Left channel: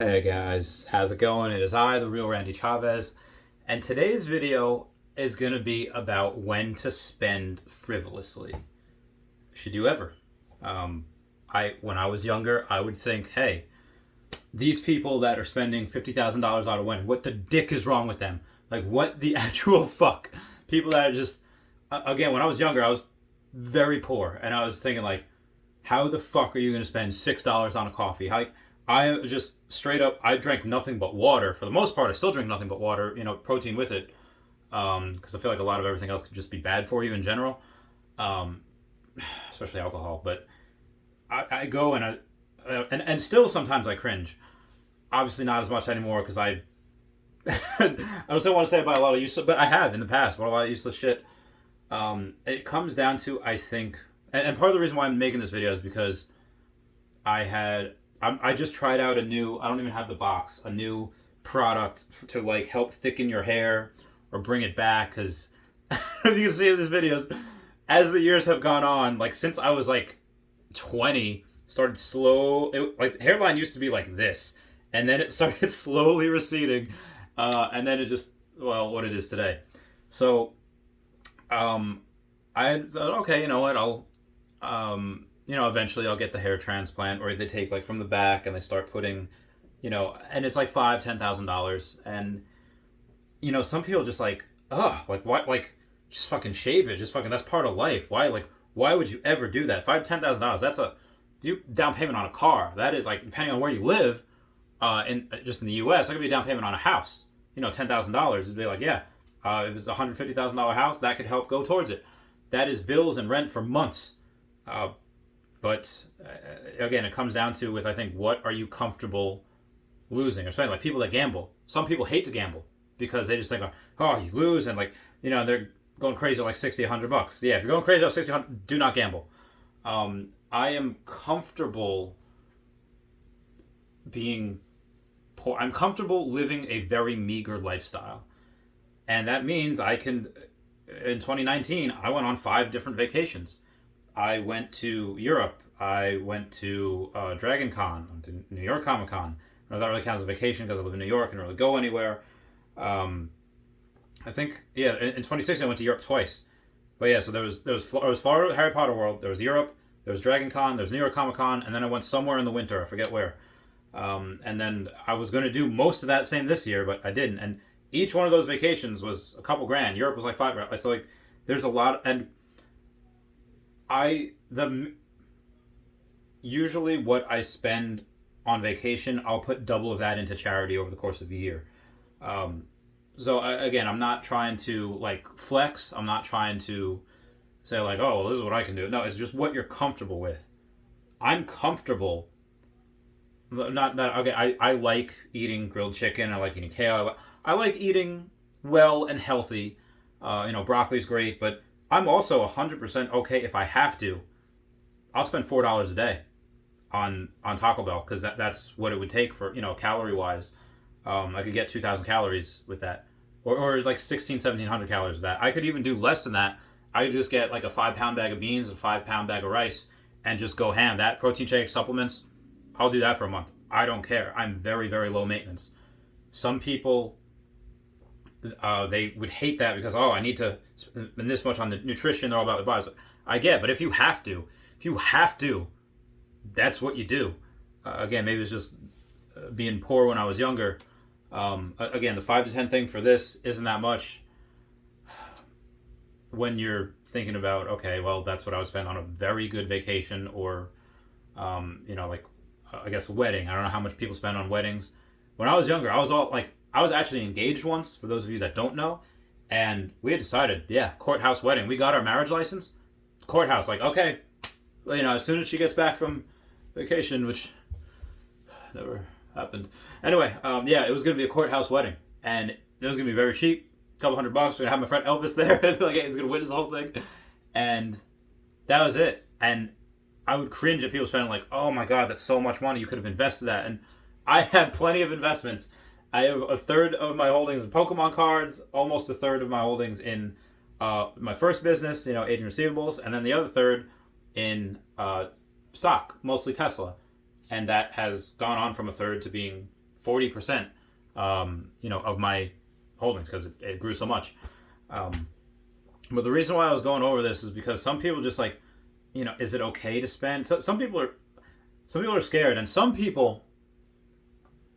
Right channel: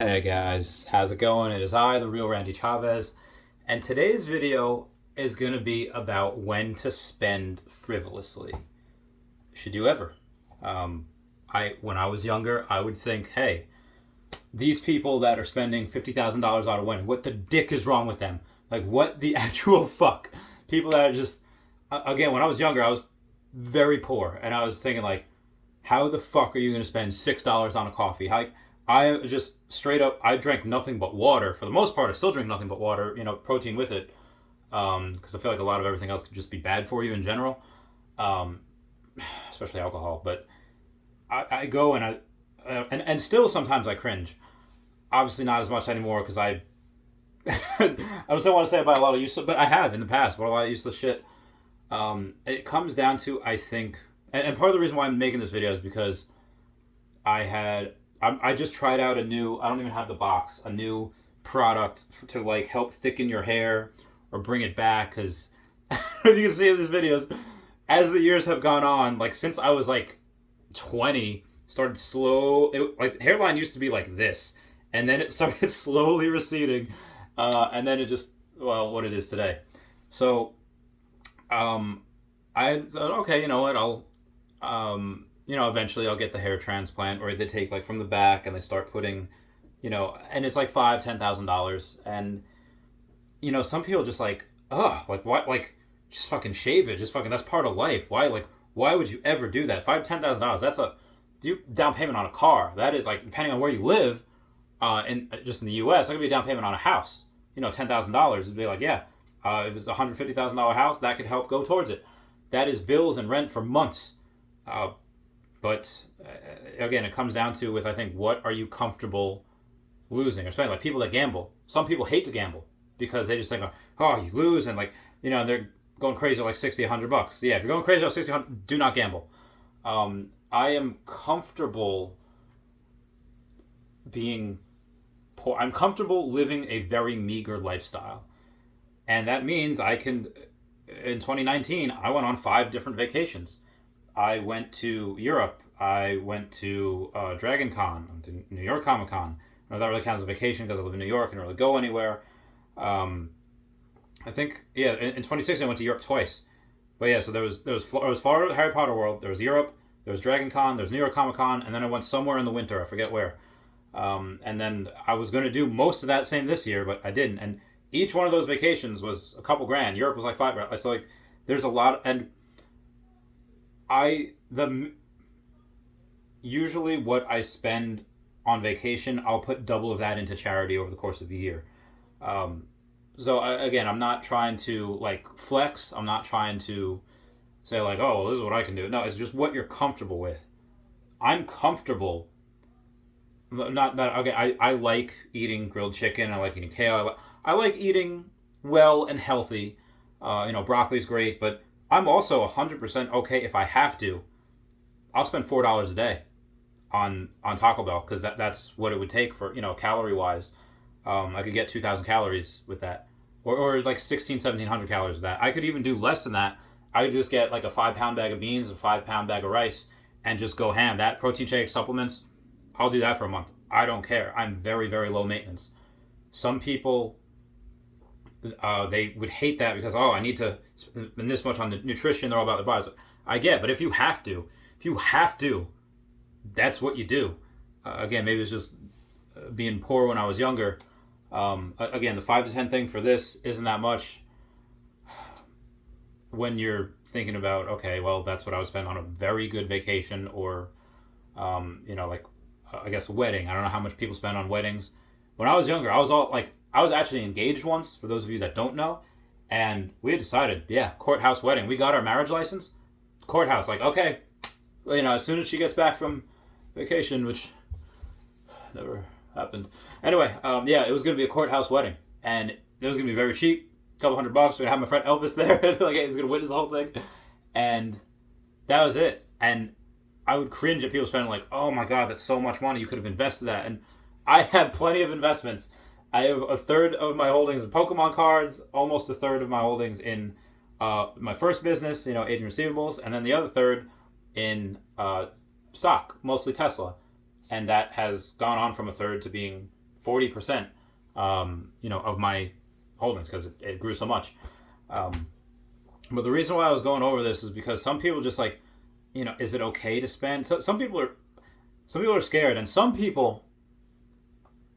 Hey guys, how's it going? It is I, the real Randy Chavez, and today's video is going to be about when to spend frivolously. Should you ever? When I was younger, I would think, hey, these people that are spending $50,000 on a wedding, what the dick is wrong with them? Like, what the actual fuck? People that are just, again, when I was younger, I was very poor, and I was thinking, like, how the fuck are you going to spend $6 on a coffee? How, I just straight up, I drank nothing but water. For the most part, I still drink nothing but water, protein with it. Because I feel like a lot of everything else could just be bad for you in general, um, especially alcohol. But I go and still sometimes I cringe. Obviously not as much anymore because I I don't want to say about a lot of useless, but I have in the past bought a lot of useless shit. It comes down to, I think, and part of the reason why I'm making this video is because I just tried out a new, I don't even have the box, a new product to like help thicken your hair or bring it back. Because if you can see in these videos, as the years have gone on, like since I was like 20, started like hairline used to be like this, and then it started slowly receding, and then it just, well, what it is today. So I thought, okay, you know what, eventually I'll get the hair transplant, or they take like from the back and they start putting, and it's like $5,000-$10,000, and some people just like, like what, like just fucking shave it, just fucking, that's part of life. Why would you ever do that? $5,000-$10,000, that's a down payment on a car. That is, like, depending on where you live, in just in the U.S., that could be a down payment on a house. $10,000 would be like, yeah, if it's a $150,000 house, that could help go towards it. That is bills and rent for months. But again, it comes down to, with, I think, what are you comfortable losing? Especially like people that gamble. Some people hate to gamble because they just think, oh, you lose, and like, and they're going crazy at like 60, $100. Yeah, if you're going crazy at 60, 100, do not gamble. I am comfortable being poor. I'm comfortable living a very meager lifestyle. And that means I can, in 2019, I went on 5 different vacations. I went to Europe. I went to Dragon Con, to New York Comic Con. That really counts as a vacation because I live in New York and don't really go anywhere. I think, yeah, in 2016 I went to Europe twice. But yeah, so there was Florida, Harry Potter World. There was Europe. There was Dragon Con. There was New York Comic Con, and then I went somewhere in the winter. I forget where. And then I was going to do most of that same this year, but I didn't. And each one of those vacations was a couple grand. Europe was like $5,000. So like, there's a lot, and usually what I spend on vacation, I'll put double of that into charity over the course of the year. Again, I'm not trying to like flex. I'm not trying to say like, oh, well, this is what I can do. No, it's just what you're comfortable with. I'm comfortable. Not that, okay. I like eating grilled chicken. I like eating kale. I like eating well and healthy. Broccoli's great, but I'm also 100% okay if I have to. I'll spend $4 a day on Taco Bell because that's what it would take for, calorie wise. I could get 2,000 calories with that, or like 1,700 calories with that. I could even do less than that. I could just get like a 5-pound bag of beans, a 5-pound bag of rice, and just go ham. That protein shake, supplements, I'll do that for a month. I don't care. I'm very, very low maintenance. Some people, they would hate that because, I need to spend this much on the nutrition. They're all about their bodies. I get, but if you have to, that's what you do. Again, maybe it's just being poor when I was younger. Again, the 5 to 10 thing for this isn't that much when you're thinking about, okay, well, that's what I would spend on a very good vacation, or I guess a wedding. I don't know how much people spend on weddings. When I was younger, I was actually engaged once, for those of you that don't know, and we had decided, yeah, courthouse wedding. We got our marriage license, courthouse, like, okay, well, as soon as she gets back from vacation, which never happened. Anyway, it was going to be a courthouse wedding, and it was going to be very cheap, a couple $100. We're going to have my friend Elvis there, like, he was going to witness the whole thing, and that was it. And I would cringe at people spending like, oh my god, that's so much money, you could have invested that. And I have plenty of investments. I have a third of my holdings in Pokemon cards, almost a third of my holdings in my first business, agent receivables, and then the other third in stock, mostly Tesla. And that has gone on from a third to being 40%, of my holdings because it grew so much. But the reason why I was going over this is because some people just like, is it okay to spend? So, some people are scared, and some people,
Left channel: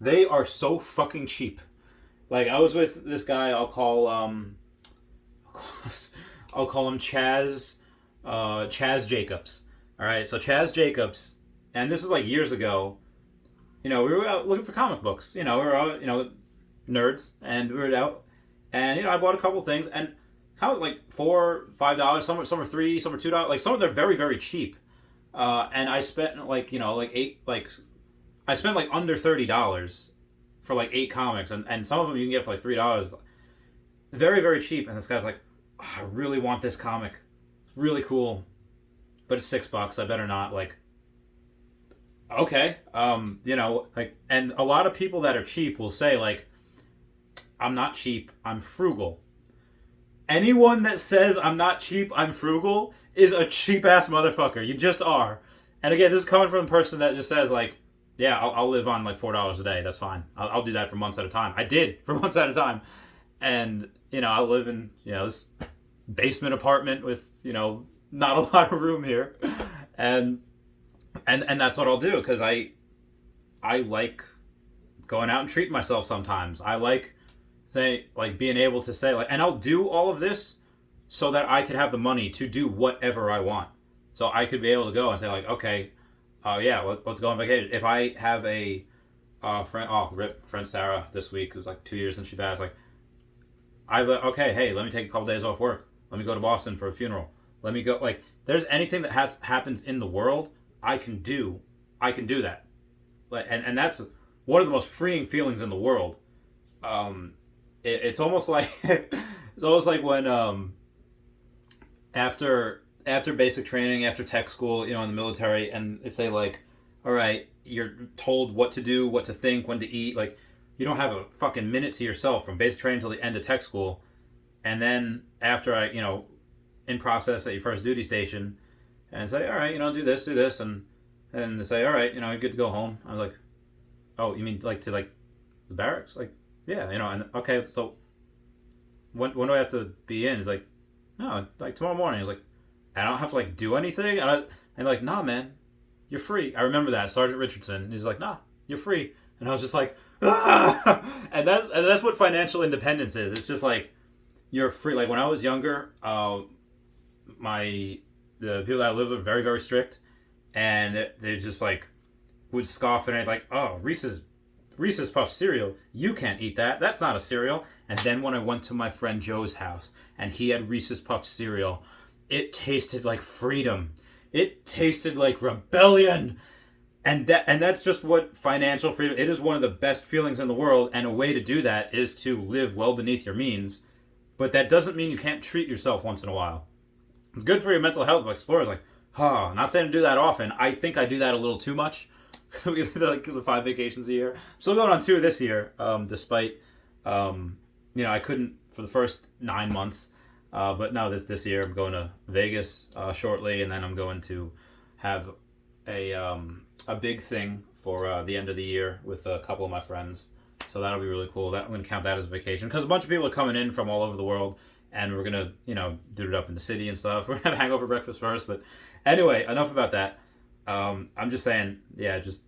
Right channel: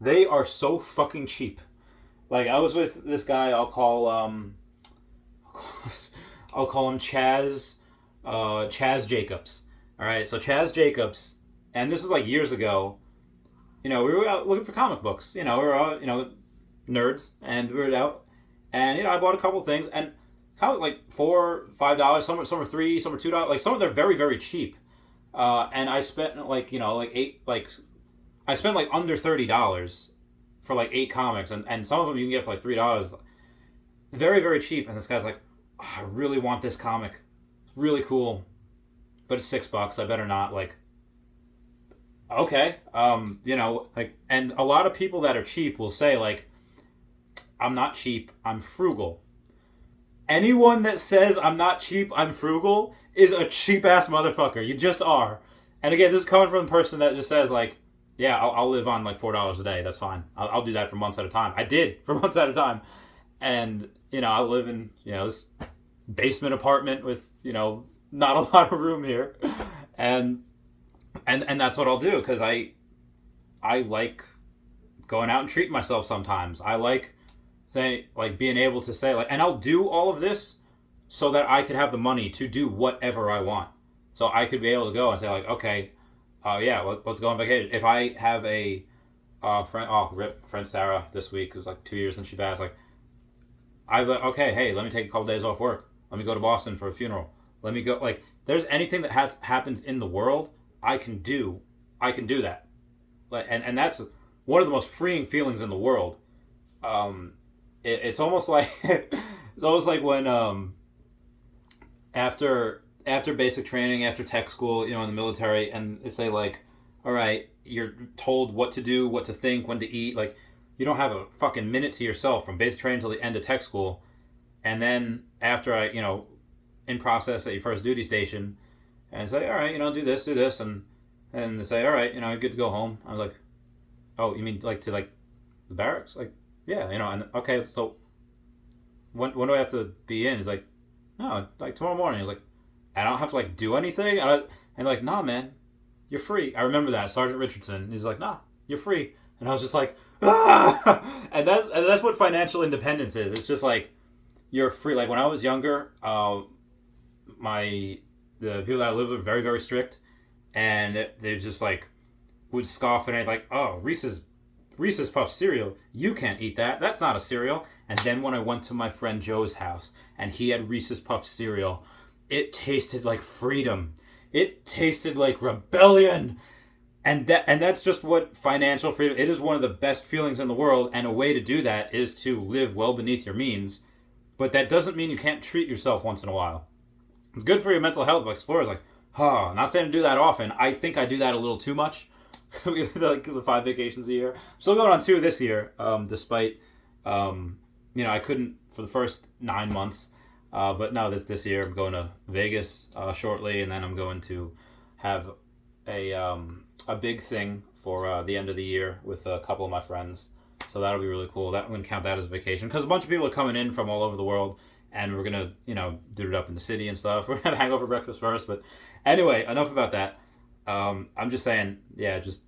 they are so fucking cheap. Like, I was with this guy. I'll call him Chaz Jacobs. All right, so Chaz Jacobs, and this was like years ago. We were out looking for comic books. We were out, nerds, and we were out, and I bought a couple things, and kind of like $4-5. Some are $3, some are $2. Like, some of them are very, very cheap. And I spent I spent like under $30 for like 8 comics, and some of them you can get for like $3. Very, very cheap. And this guy's like, oh, I really want this comic. It's really cool, but it's $6. I better not. Like, okay. And a lot of people that are cheap will say like, I'm not cheap, I'm frugal. Anyone that says I'm not cheap, I'm frugal is a cheap ass motherfucker. You just are. And again, this is coming from the person that just says like, yeah, I'll live on like $4 a day. That's fine. I'll do that for months at a time. I did for months at a time. And, I live in, this basement apartment with, not a lot of room here. And that's what I'll do. Cause I like going out and treating myself sometimes. I like being able to say like, and I'll do all of this so that I could have the money to do whatever I want. So I could be able to go and say like, okay, let's go on vacation. If I have a friend Sarah this week is like 2 years since she passed. Like, okay, hey, let me take a couple days off work. Let me go to Boston for a funeral. Let me go. Like, there's anything that happens in the world, I can do that. Like, and that's one of the most freeing feelings in the world. It's almost like when after basic training, after tech school, in the military, and they say like, all right, you're told what to do, what to think, when to eat. Like, you don't have a fucking minute to yourself from basic training till the end of tech school. And then after in process at your first duty station, and say, all right, do this, and they say, all right, you're good to go home. I was like, oh, you mean like to like the barracks? Like, yeah, and okay, so when do I have to be in? He's like, no, like tomorrow morning. He's like, I don't have to like do anything. And like, nah, man, you're free. I remember that, Sergeant Richardson. He's like, nah, you're free. And I was just like, ah! And that's what financial independence is. It's just like, you're free. Like, when I was younger, the people that I lived with were very, very strict, and they just like would scoff at it, like, oh, Reese's Puff cereal, you can't eat that. That's not a cereal. And then when I went to my friend Joe's house and he had Reese's Puff cereal, it tasted like freedom. It tasted like rebellion. And that's just what financial freedom. It is one of the best feelings in the world, and a way to do that is to live well beneath your means. But that doesn't mean you can't treat yourself once in a while. It's good for your mental health. But Explorer's like, not saying to do that often. I think I do that a little too much. Like the 5 vacations a year. Still going on 2 this year, despite I couldn't for the first 9 months. But no, this year I'm going to Vegas shortly, and then I'm going to have a big thing for the end of the year with a couple of my friends. So that'll be really cool. I'm going to count that as a vacation because a bunch of people are coming in from all over the world, and we're going to do it up in the city and stuff. We're going to have hangover breakfast first. But anyway, enough about that. I'm just saying, yeah, just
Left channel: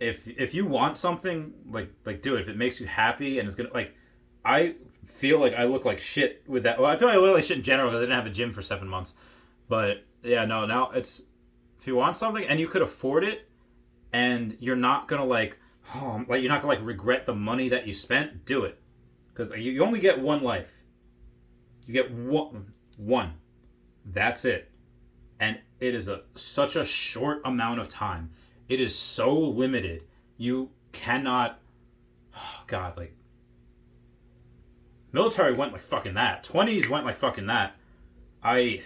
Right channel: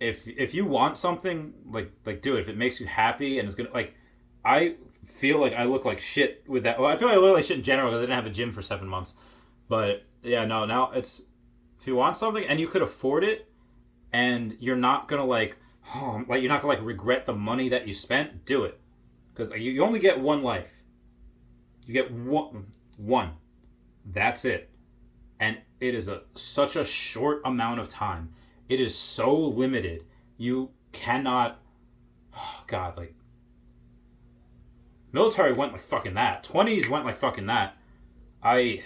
if you want something, like do it. If it makes you happy and it's gonna, like, I feel like I look like shit with that. Well, I feel like I look like shit in general because I didn't have a gym for 7 months. But yeah, no, now it's, if you want something and you could afford it, and you're not gonna you're not gonna regret the money that you spent, do it, because you only get one life. You get one. That's it. And it is such a short amount of time. It is so limited. You cannot. Oh God, military went like fucking that. 20s went like fucking that. I'm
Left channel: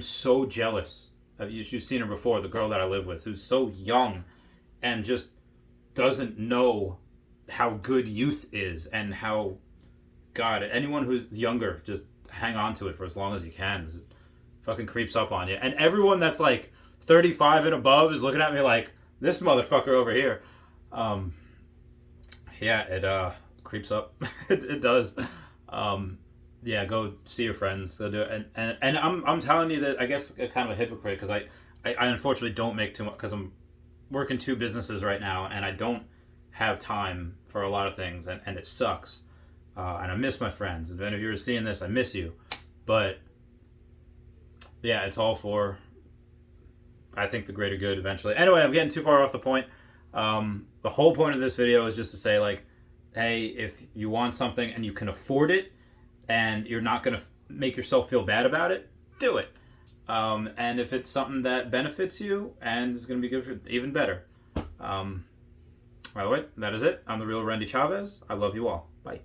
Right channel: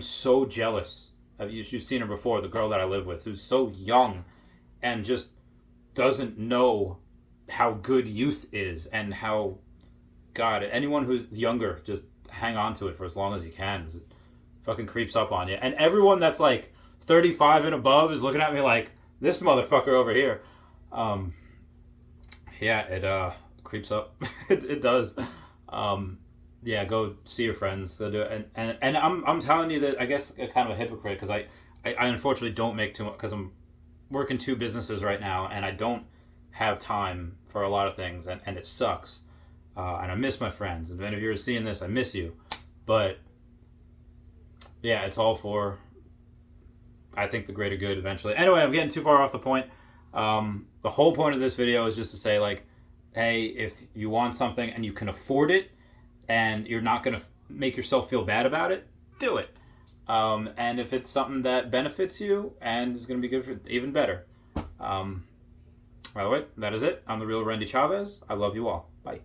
so jealous. You've seen her before, the girl that I live with, who's so young and just doesn't know how good youth is, and how, God, anyone who's younger, just hang on to it for as long as you can. Fucking creeps up on you. And everyone that's like 35 and above is looking at me like, this motherfucker over here. Yeah, it creeps up. It does. Yeah, go see your friends. Go do it. And I'm telling you that I guess I'm kind of a hypocrite because I unfortunately don't make too much because I'm working two businesses right now and I don't have time for a lot of things and it sucks. And I miss my friends. If any of you are seeing this, I miss you. But yeah, it's all for, I think, the greater good eventually. Anyway, I'm getting too far off the point. The whole point of this video is just to say, like, hey, if you want something and you can afford it and you're not going to make yourself feel bad about it, do it. And if it's something that benefits you and is going to be good for even better. By the way, that is it. I'm the real Randy Chavez. I love you all. Bye.